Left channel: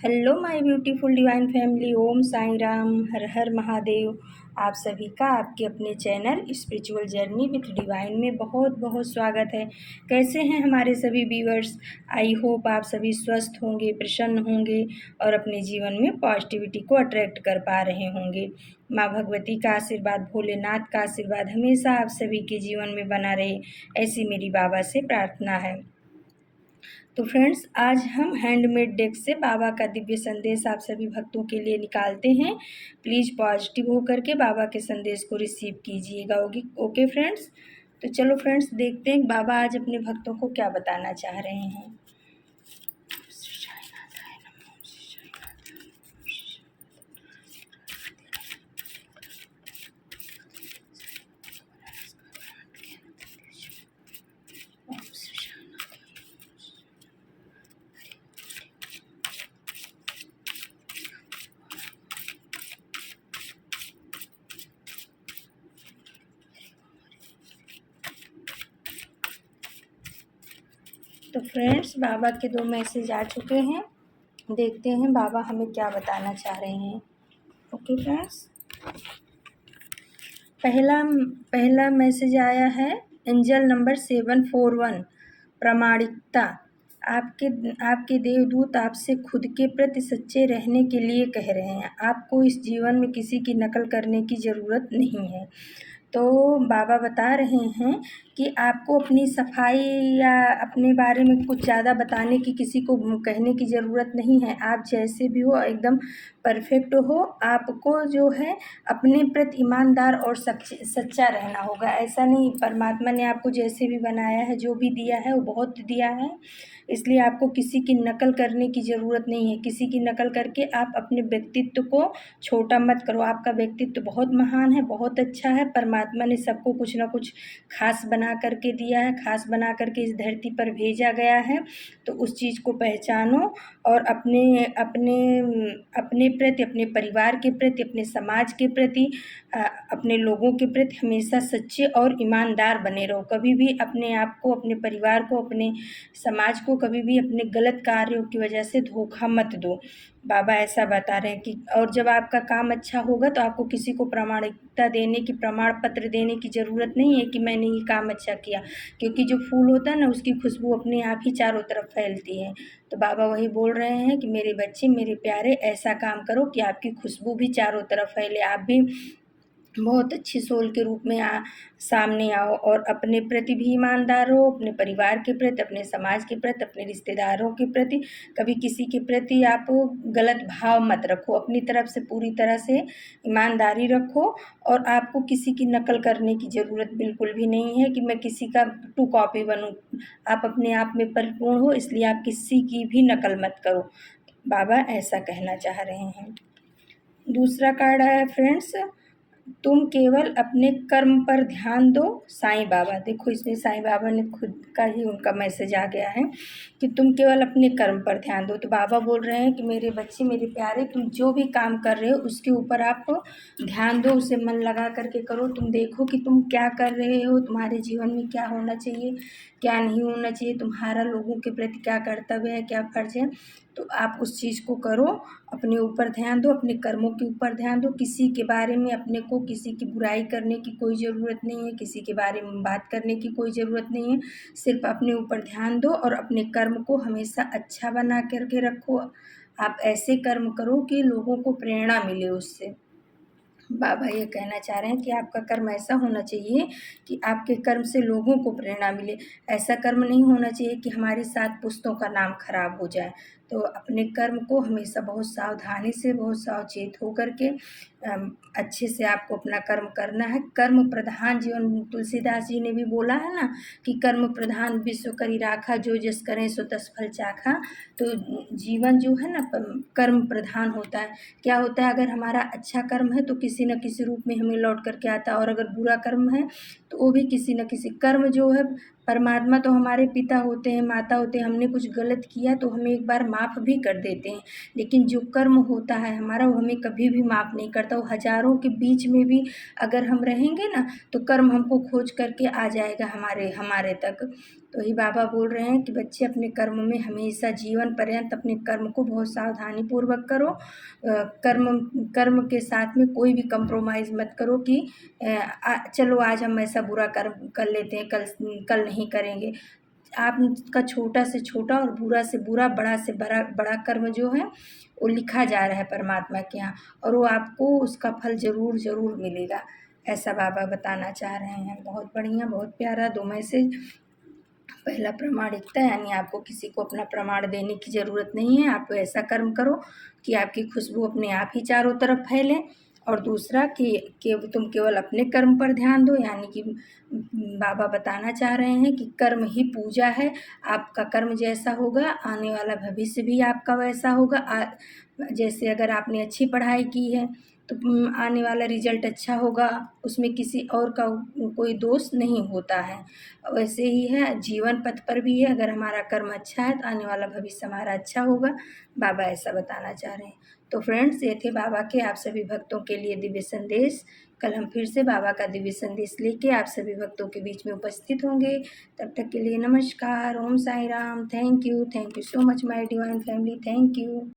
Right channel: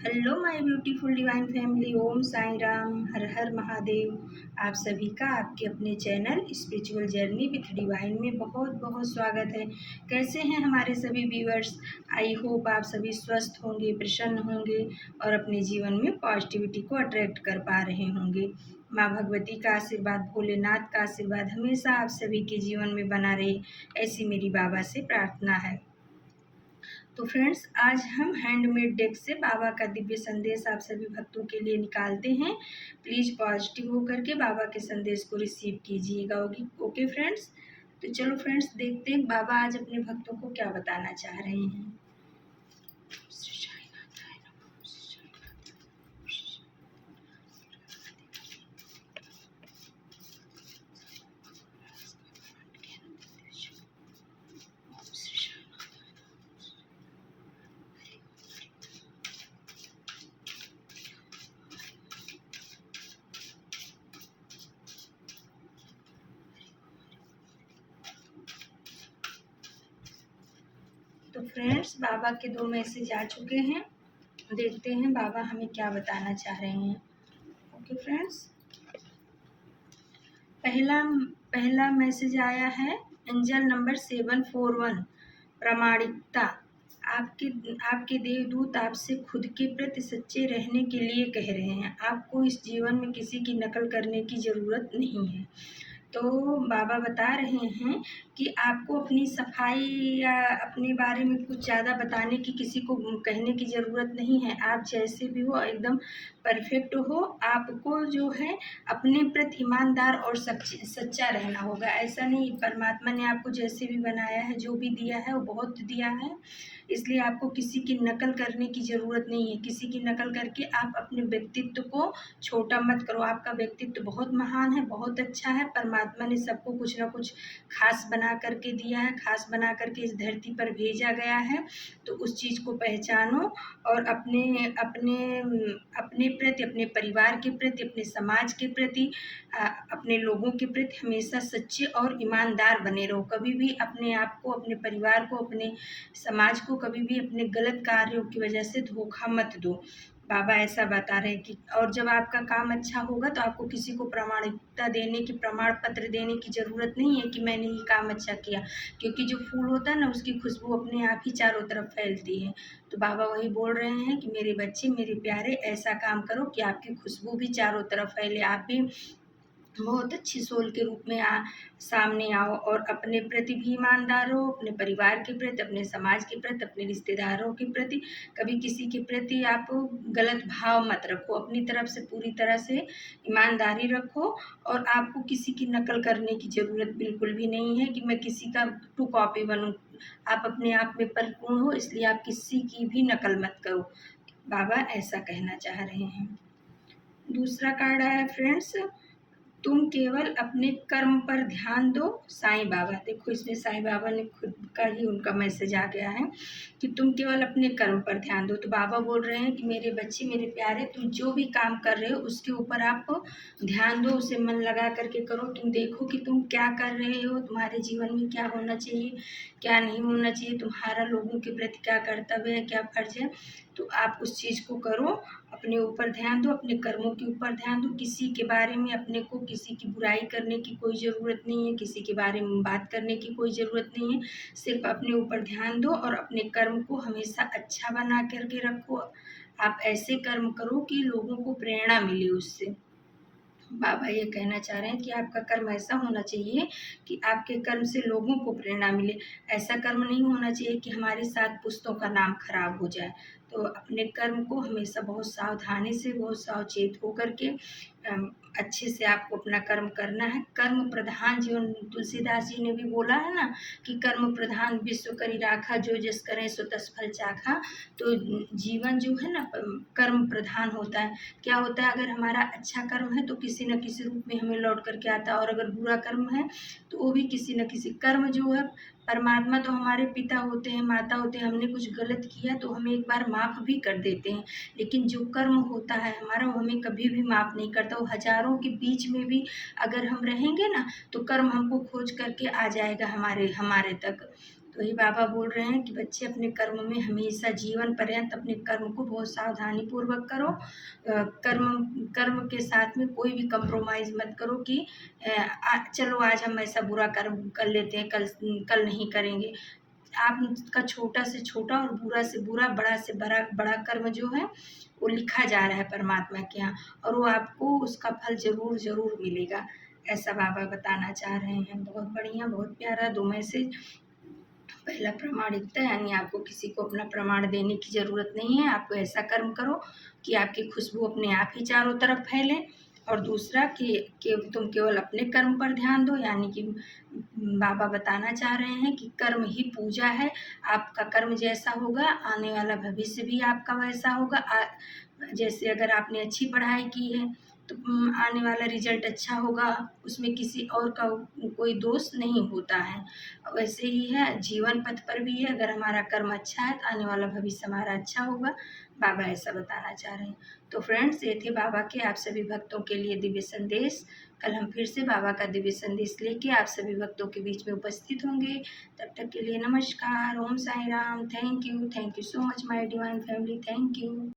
Hello my beautiful divine family. Om Sai Ram, Har Har Mahadev. आप सभी का आपके अपने channel spiritual journey with divine में बहुत बहुत स्वागत है। कैसे हैं हमारे सभी व्यूअर्स? आई होप आप सभी स्वस्थ होंगे, प्रसन्न होंगे और अपने जीवन में पॉजिटिविटी को अट्रैक्ट कर पा रहे होंगे। माँ भगवती का आशीर्वाद, भोलेनाथ का आशीर्वाद हमेशा आप सभी के जीवन में बना रहे, ऐसी मेरी बाबा से प्रार्थना है। तो फ्रेंड्स, आज हम हैंडमेड डेक से बाबा का दिव्य संदेश आप सभी भक्तों के लिए निकालते हैं। प्लीज़ पॉजिटिव होकर के बाबा के संदेश को रिसीव कीजिएगा। Okay friends. तो चलो फ्रेंड्स, देखते हैं बाबा आज अपने भक्तों को क्या बताना चाह रहे हैं। तो फ्रेंड्स, बाबा के 2 मैसेज आ चुके हैं। देखते हैं बाबा हमें क्या बताना चाह रहे हैं। ओके फ्रेंड्स, पहला मैसेज आया है एंजल नंबर 741, प्रामाणिकता। आपके देवदूत आपसे खुद के प्रति सच्चे रहने के लिए कह रहे हैं। आपको इस जीवन में किसी की नकल करने की ज़रूरत नहीं है। तो बाबा बता रहे हैं कि आपको अपनी सफाई या अपने बारे में कुछ ज़्यादा बताने की, किसी को कहने की ज़रूरत नहीं है। आप जैसे भी हो एकदम परफेक्ट हो। आपको जो है अपने प्रति ईमानदार और सच्चा रहना होगा। ऐसा नहीं, परमात्मा ने आपको जैसे भी बनाया है, जो भी दिया है वो बहुत दिया है, इसलिए आपको किसी की नकल करने की ज़रूरत नहीं है। किसी की नकल करके आप अपने व्यक्तित्व को छोटा मत करो। आपका व्यक्तित्व बहुत महान है, बहुत अच्छा है। परमात्मा ने सबको कुछ ना कुछ खास बना करके दिया है, खास बना करके इस धरती पर भेजा गया है। तो उस चीज़ को पहचानो और अपने अपने अपने प्रति, अपने परिवार के प्रति, अपने समाज के प्रति, अपने लोगों के प्रति हमेशा सच्चे और ईमानदार बने रहो। कभी भी अपने आप को, अपने परिवार को, अपने समाज को कभी भी अपने गलत कार्यों की वजह से धोखा मत दो। बाबा ऐसा बता रहे हैं कि और जब आपका काम अच्छा होगा तो आपको किसी को प्रामाणिकता देने की, प्रमाण पत्र देने की ज़रूरत नहीं है कि मैंने ये काम अच्छा किया, क्योंकि जो फूल होता है ना, उसकी खुशबू अपने आप ही चारों तरफ फैलती है। तो बाबा वही बोल रहे हैं कि मेरे बच्चे, मेरे प्यारे, ऐसा काम करो कि आपकी खुशबू भी चारों तरफ फैले, आप भी बहुत अच्छी सोल के रूप में सामने आओ और अपने प्रति भी ईमानदार रहो, अपने परिवार के प्रति, अपने समाज के प्रति, अपने रिश्तेदारों के प्रति। कभी किसी के प्रति आप गलत भाव मत रखो। अपनी तरफ से पूरी तरह से ईमानदारी रखो और आपको किसी की नकल करने की ज़रूरत बिल्कुल भी नहीं है कि मैं किसी का टू कॉपी बनूं। आप अपने आप में परिपूर्ण हो, इसलिए आप किसी की भी नकल मत करो। बाबा ऐसा कहना चाह रहे हैं। दूसरा कार्ड आया फ्रेंड्स, तुम केवल अपने कर्म पर ध्यान दो, साईं बाबा। देखो, इसमें साईं बाबा ने खुद का ही उनका मैसेज आ गया है कि तुम केवल अपने कर्म पर ध्यान दो। तो बाबा बोल रहे हैं कि मेरे बच्चे, मेरे प्यारे, तुम जो भी काम कर रहे हो उसके ऊपर आप ध्यान दो, उसे मन लगा करके करो। तुम देखो कि तुम क्या कर रहे हो, तुम्हारे जीवन में क्या होना चाहिए, क्या नहीं होना चाहिए, तुम्हारा लोगों के प्रति क्या कर्तव्य है, क्या फर्ज है। तो आप उस चीज़ को करो, अपने ऊपर ध्यान दो, अपने कर्मों के ऊपर ध्यान दो। किसी के बारे में, अपने को किसी की बुराई करने की कोई ज़रूरत नहीं है, किसी के बारे में बात करने की कोई ज़रूरत नहीं है। सिर्फ अपने ऊपर ध्यान दो और अपने कर्म को हमेशा अच्छा बना करके रखो। आप ऐसे कर्म करो कि लोगों को प्रेरणा मिले उससे। बाबा ये कहना चाह रहे हैं कि आपका कर्म ऐसा होना चाहिए कि आपके कर्म से लोगों को प्रेरणा मिले। ऐसा कर्म नहीं होना चाहिए कि हमारी 7 पुश्तों का नाम खराब हो जाए। तो अपने कर्म को हमेशा बहुत सावधानी से, बहुत सावचेत होकर के अच्छे से आपको अपना कर्म करना है। कर्म प्रधान जीवन, तुलसीदास जी ने भी बोला है ना कि कर्म प्रधान विश्व करी राखा, जो जस करें सो तस फल चाखा। तो जीवन जो है ना, कर्म प्रधान होता है। क्या होता है, अगर हमारा अच्छा कर्म है तो किसी न किसी रूप में हमें लौट करके आता है, और अगर बुरा कर्म है तो वो भी किसी न किसी। कर्म जो है, परमात्मा तो हमारे पिता होते हैं, माता होते हैं। हमने कुछ गलत किया तो हमें एक बार माफ़ भी कर देते हैं, लेकिन जो कर्म होता है हमारा, वो हमें कभी भी माफ़ नहीं करता। वो हज़ारों के बीच में भी अगर हम रहेंगे ना, तो कर्म हमको खोज करके आ जाएगा हमारे तक। तो ही बाबा बोल रहे हैं कि बच्चे अपने कर्म में हमेशा जीवन पर्यंत अपने कर्म को बहुत सावधानी पूर्वक करो। कर्म कर्म के साथ में कोई भी कंप्रोमाइज़ मत करो कि चलो आज हम ऐसा बुरा कर्म कर लेते हैं, कल कल नहीं करेंगे। आपका छोटा से छोटा और बुरा से बुरा, बड़ा से बड़ा कर्म जो है वो लिखा जा रहा है परमात्मा के यहाँ, और वो आपको उसका फल ज़रूर ज़रूर मिलेगा, ऐसा बाबा बताना चाह रहे हैं। बहुत बढ़िया, बहुत प्यारा 2 मैसेज। पहला प्रामाणिकता, यानी आपको किसी को अपना प्रमाण देने की ज़रूरत नहीं है। आप ऐसा कर्म करो कि आपकी खुशबू अपने आप ही चारों तरफ फैले। और दूसरा कि तुम केवल अपने कर्म पर ध्यान दो, यानी कि बाबा बताना चाह रहे हैं कि कर्म ही पूजा है। आपका कर्म जैसा होगा, आने वाला भविष्य भी आपका वैसा होगा। जैसे अगर आपने अच्छी पढ़ाई की है तो आने वाला रिजल्ट अच्छा होगा, उसमें किसी और का कोई दोष नहीं होता है। वैसे ही है जीवन पथ पर भी है, अगर हमारा कर्म अच्छा है तो आने वाला भविष्य हमारा अच्छा होगा। बाबा ऐसा बताना चाह रहे हैं। तो फ्रेंड्स, ये थे बाबा के आप सभी भक्तों के लिए दिव्य संदेश। कल हम फिर से बाबा का दिव्य संदेश लेके आप सभी भक्तों के बीच में उपस्थित होंगे। तब तक के लिए नमस्कार, Om Sai Ram. Thank you so much my divine family, thank you.